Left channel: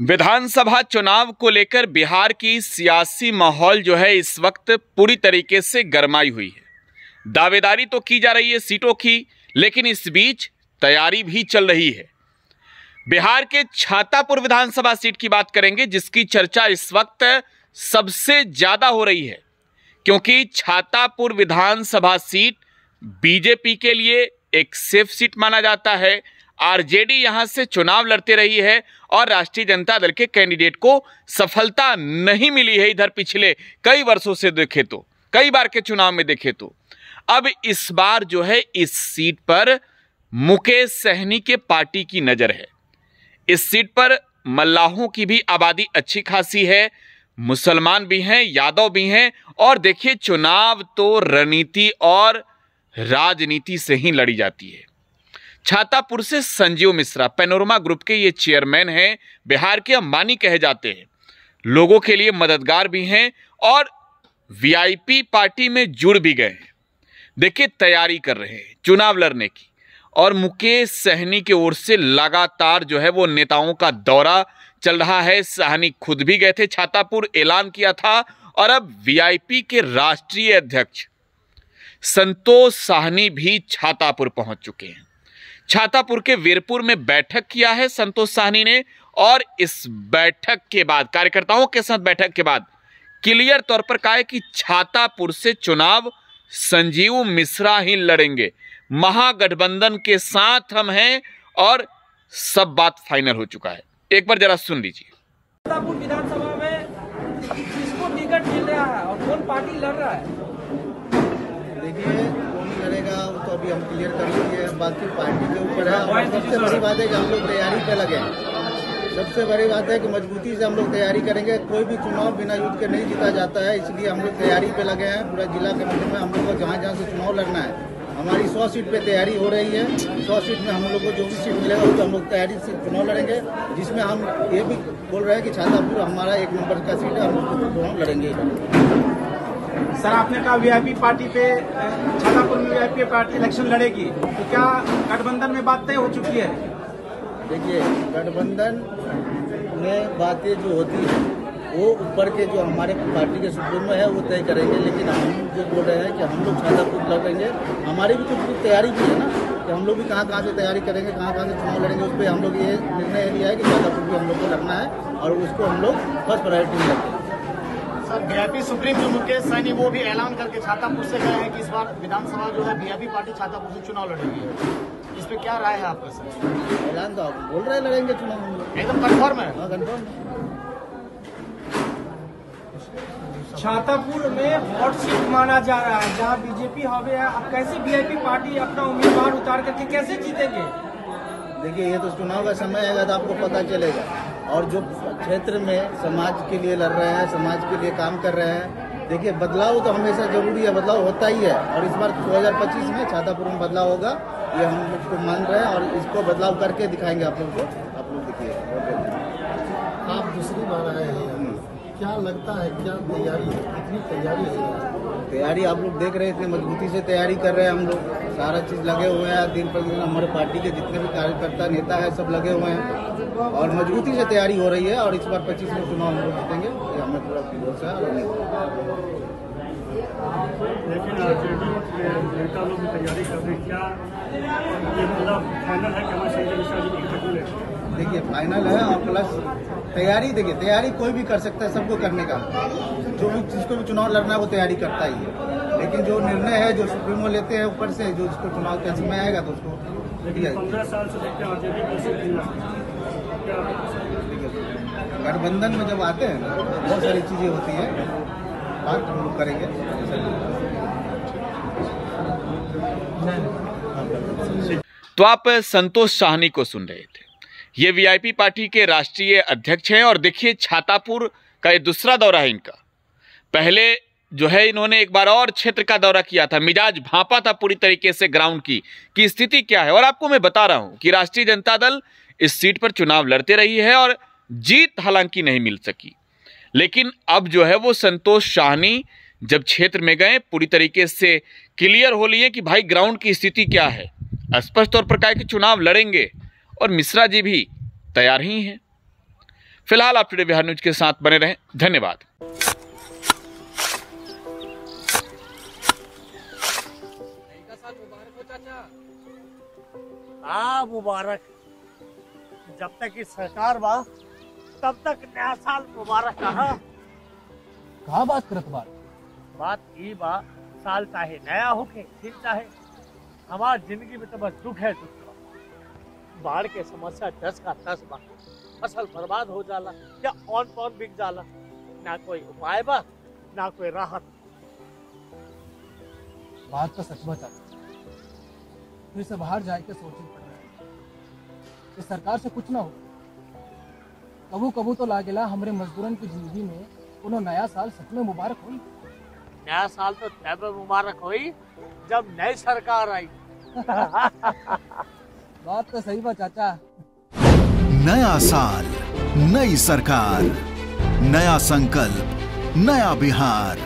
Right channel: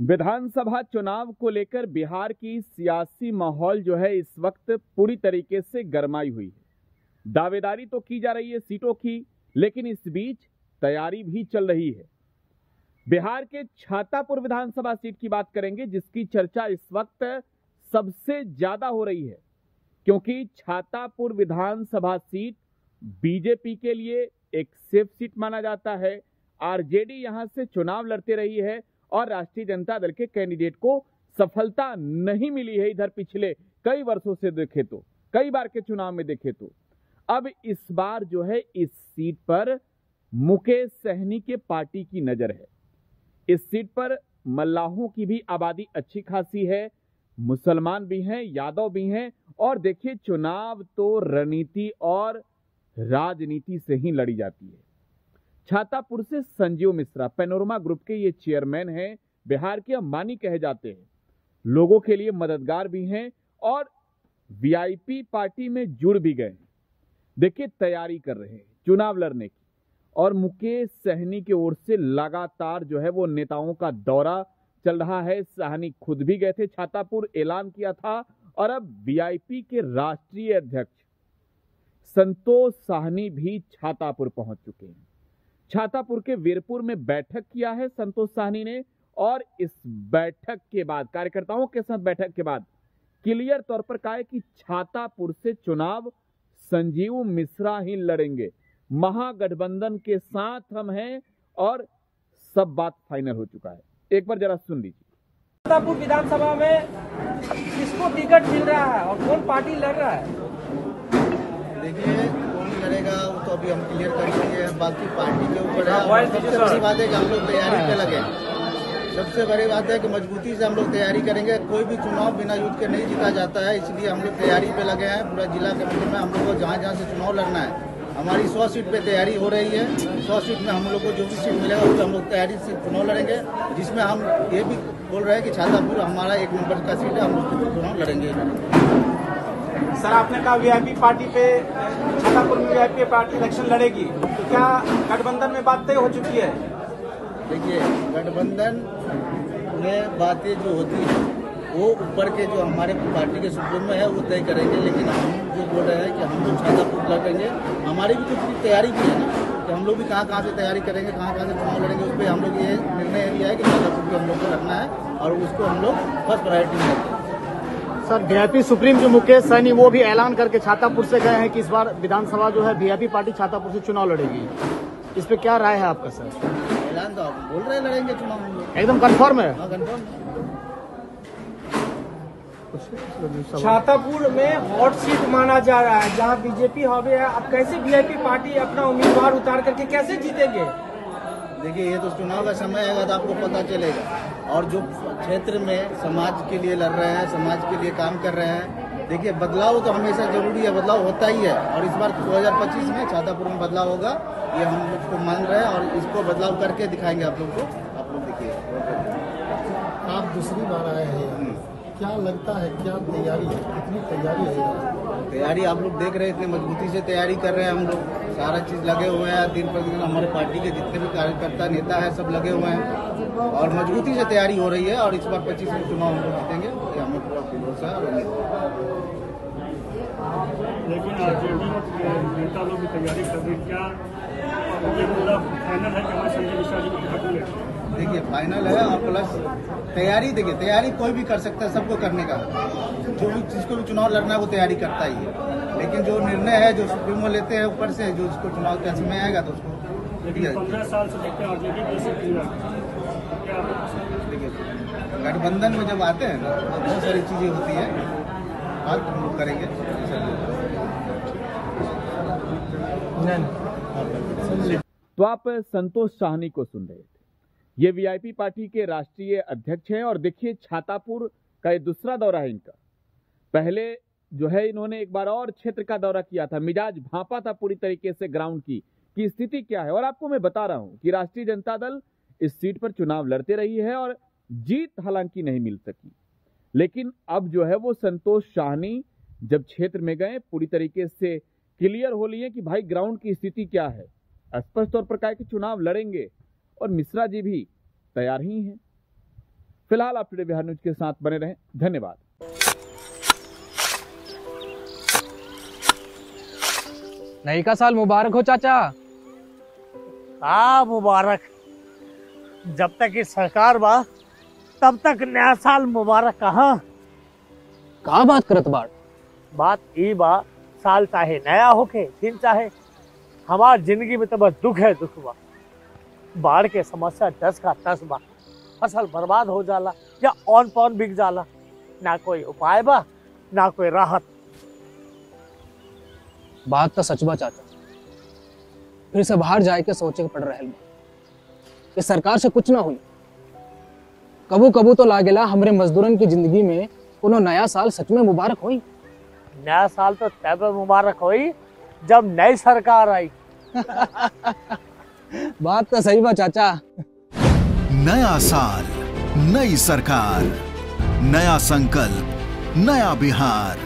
विधानसभा चुनाव को लेकर बिहार की सियासी माहौल जो है इस वक्त पूरी तरीके से गरमाई हुई है। दावेदारी तो की जा रही है सीटों की, लेकिन इस बीच तैयारी भी चल रही है। बिहार के छातापुर विधानसभा सीट की बात करेंगे, जिसकी चर्चा इस वक्त सबसे ज्यादा हो रही है, क्योंकि छातापुर विधानसभा सीट बीजेपी के लिए एक सेफ सीट माना जाता है। आरजेडी यहां से चुनाव लड़ते रही है और राष्ट्रीय जनता दल के कैंडिडेट को सफलता नहीं मिली है। इधर पिछले कई वर्षों से देखे तो, कई बार के चुनाव में देखे तो अब इस बार जो है इस सीट पर मुकेश सहनी के पार्टी की नजर है। इस सीट पर मल्लाहों की भी आबादी अच्छी खासी है, मुसलमान भी हैं, यादव भी हैं, और देखिए चुनाव तो रणनीति और राजनीति से ही लड़ी जाती है। छातापुर से संजीव मिश्रा पैनोरमा ग्रुप के ये चेयरमैन हैं, बिहार के अंबानी कहे जाते हैं, लोगों के लिए मददगार भी हैं और वीआईपी पार्टी में जुड़ भी गए हैं। देखिए तैयारी कर रहे हैं चुनाव लड़ने की, और मुकेश सहनी की ओर से लगातार जो है वो नेताओं का दौरा चल रहा है। सहनी खुद भी गए थे छातापुर, ऐलान किया था, और अब वीआईपी के राष्ट्रीय अध्यक्ष संतोष सहनी भी छातापुर पहुंच चुके हैं। छातापुर के वीरपुर में बैठक किया है संतोष सहनी ने, और इस बैठक के बाद, कार्यकर्ताओं के साथ बैठक के बाद क्लियर तौर पर कहा है कि छातापुर से चुनाव संजीव मिश्रा ही लड़ेंगे। महागठबंधन के साथ हम हैं और सब बात फाइनल हो चुका है। एक बार जरा सुन लीजिए। छातापुर विधानसभा में किसको टिकट मिल रहा है और कौन पार्टी लड़ रहा है? देखिए कौन लड़ेगा वो तो अभी हम क्लियर कर लिए हैं, बाकी पार्टी के ऊपर है। और सबसे बड़ी बात है कि हम लोग तैयारी पे लगे हैं। सबसे बड़ी बात है कि मजबूती से हम लोग तैयारी करेंगे। कोई भी चुनाव बिना युद्ध के नहीं जीता जाता है, इसलिए हम लोग तैयारी पे लगे हैं। पूरा जिला कमेटी में हम लोग को जहाँ जहाँ से चुनाव लड़ना है, हमारी 100 सीट पे तैयारी हो रही है। 100 सीट में हम लोग को जो भी सीट मिलेगा उस पर हम लोग तैयारी से चुनाव लड़ेंगे, जिसमें हम ये भी बोल रहे हैं कि छातापुर हमारा 1 नंबर का सीट है, हम उस पर चुनाव लड़ेंगे। सर, आपने कहा वीआईपी पार्टी पे, छातापुर वीआईपी पार्टी इलेक्शन लड़ेगी, तो क्या गठबंधन में बात तय हो चुकी है? देखिए गठबंधन में बातें जो होती है वो ऊपर के जो हमारे पार्टी के सुप्रीमो है वो तय करेंगे, लेकिन हम जो बोल रहे हैं कि हम लोग छातापुर लड़ेंगे। हमारी भी कुछ तैयारी भी है ना, कि हम लोग भी कहाँ से तैयारी करेंगे, कहाँ से चुनाव लड़ेंगे। उस पर हम लोग ये निर्णय लिया है कि छातापुर भी हम लोग को लड़ना है और उसको हम लोग फर्स्ट प्रायोरिटी में रखते हैं। सर, वीआईपी सुप्रीम जो मुकेश सहनी वो भी ऐलान करके छातापुर से गए हैं कि इस बार विधानसभा जो है वीआईपी पार्टी छातापुर से चुनाव लड़ेगी। इस पे क्या राय है आपकी सर? ऐलान तो आप बोल रहे हैं लड़ेंगे चुनाव हम लोग, एकदम कन्फर्म है? हाँ कन्फर्म। छातापुर में वोट सीट माना जा रहा है जहां बीजेपी हवे है। अब कैसे वीआईपी पार्टी अपना उम्मीदवार उतार करके कैसे जीतेंगे? देखिए ये तो चुनाव का समय आएगा तो आपको पता चलेगा। और जो क्षेत्र में समाज के लिए लड़ रहे हैं, समाज के लिए काम कर रहे हैं, देखिए बदलाव तो हमेशा जरूरी है, बदलाव होता ही है। और इस बार 2025 में छातापुर में बदलाव होगा, ये हम लोग को मान रहे हैं, और इसको बदलाव करके दिखाएंगे आप लोग को। आप लोग देखिए, आप दूसरी बार आए हैं, क्या लगता है, क्या तैयारी है, कितनी तैयारी है? तैयारी आप लोग देख रहे हैं, इतनी मजबूती से तैयारी कर रहे हैं हम लोग। सारा चीज लगे हुए हैं, दिन प्रतिदिन हमारे पार्टी के जितने भी कार्यकर्ता नेता है सब लगे हुए हैं, और मजबूती से तैयारी हो रही है। और इस बार 25 में चुनाव हम लोग जीतेंगे, ये हमें पूरा भरोसा है और उम्मीद है। लेकिन आरजेडी नेता लोग भी तैयारी कर रहे हैं, क्या मतलब फाइनल है कि संजय मिश्रा जी को टिकट मिलेगा? देखिए फाइनल है, और प्लस तैयारी, देखिए तैयारी कोई भी कर सकता है, सबको करने का। जो भी जिसको भी चुनाव लड़ना है वो तैयारी करता ही है, लेकिन जो निर्णय है जो सुप्रीमो लेते हैं ऊपर से, जो जिसको चुनाव का समय आएगा तो उसको 15 साल से देखते हैं आरजेडी कैसे देखिए गठबंधन में जब आते हैं ना तो बहुत सारी चीजें होती है, बात हम लोग करेंगे। तो आप संतोष सहनी को सुन रहे थे, ये वीआईपी पार्टी के राष्ट्रीय अध्यक्ष हैं। और देखिए छातापुर का ये दूसरा दौरा है इनका। पहले जो है इन्होंने एक बार और क्षेत्र का दौरा किया था, मिजाज भांपा था पूरी तरीके से ग्राउंड की स्थिति क्या है। और आपको मैं बता रहा हूं कि राष्ट्रीय जनता दल इस सीट पर चुनाव लड़ते रही है और जीत हालांकि नहीं मिल सकी, लेकिन अब जो है वो संतोष सहनी जब क्षेत्र में गए पूरी तरीके से क्लियर हो लिए कि भाई ग्राउंड की स्थिति क्या है, स्पष्ट तौर पर कहा कि चुनाव लड़ेंगे, और मिश्रा जी भी तैयार ही हैं। फिलहाल आप टुडे बिहार न्यूज के साथ बने रहें। धन्यवाद। नई का साल मुबारक हो चाचा। हाँ मुबारक। जब तक इस सरकार बा तब तक नया साल मुबारक कहाँ। का बात करत बाड़? बात ई बा, साल चाहे नया होके दिन चाहे, हमार जिंदगी में तो बस दुख है, दुख बा। बाढ़ के समस्या 10 का 10 बा। फसल बर्बाद हो जाला या ऑन पॉन बिक जाला, ना कोई उपाय बा ना कोई राहत। बात तो सच बा चाचा, फिर से बाहर जाए के सोचे के पड़ रहा है कि सरकार से कुछ ना हुई। कबू कबू तो लागेला हमरे मजदूरन की जिंदगी में कोनो नया साल सच में मुबारक हुई। नया साल तो तब मुबारक हुई जब नई सरकार आई। बात तो सही बा चाचा। नया साल, नई सरकार, नया संकल्प, नया बिहार।